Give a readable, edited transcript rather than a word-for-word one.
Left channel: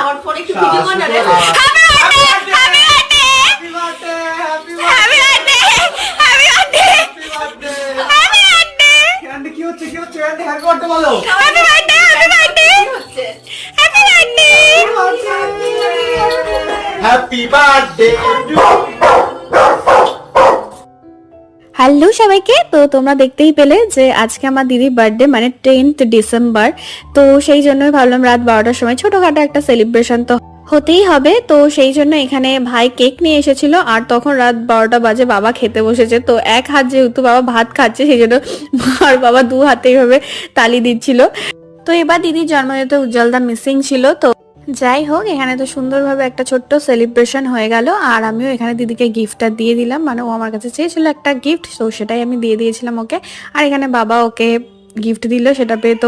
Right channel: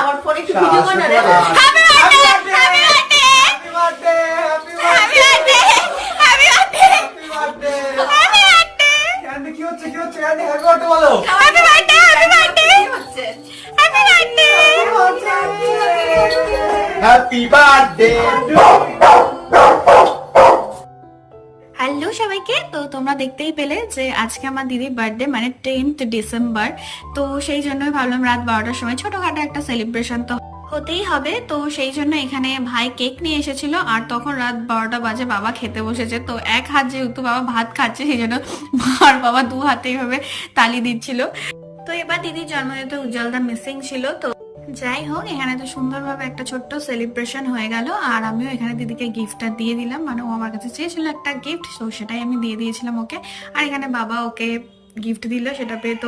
আমার ফোনে একটু ভিডিও কর না রে। Happy birthday happy birthday happy birthday happy birthday happy birthday happy birthday candy কি হচ্ছে ক্যান্ডি হ্যাপি বার্থডে বলো। হ্যাপি বার্থডে হ্যাপি বার্থডে কি হচ্ছে? Happy birthday happy birthday to hello সবাইকে, তো তোমরা দেখতেই পেলে যে আজকে আমার দিদির বার্থডে, মানে 10th ডিসেম্বর। তো সেই জন্যই ভাবলাম রাত 12টার সময় ছোটখাটো একটা সেলিব্রেশন তো হতেই হবে। তো সেই জন্য এখানে ভাই কেক নিয়ে এসেছিল, আর তখন রাত 12টা বাজে বাবা খেতে বসেছে। তো এক হাত যেহেতু বাবা ভাত খাচ্ছে, সেই জন্য আর বাবা দু হাতে এইভাবে তালি দিচ্ছিল। তো এবার দিদির জন্মদিনে উজ্জ্বলদা মিসিং ছিল। তো যাই হোক, এখানে তো সুন্দরভাবে একটা ছোট্ট সেলিব্রেশন হয়ে গেল। আর আমিও এখানে দিদিকে গিফটটা দিয়ে দিলাম, মানে ও আমার কাছে চেয়েছিল একটা গিফট, তো সেটাই আমি দিয়ে দিয়েছিলাম ওকে। আর এখানে বাবা ওকে গিফট দিল, সেটা পেয়ে তো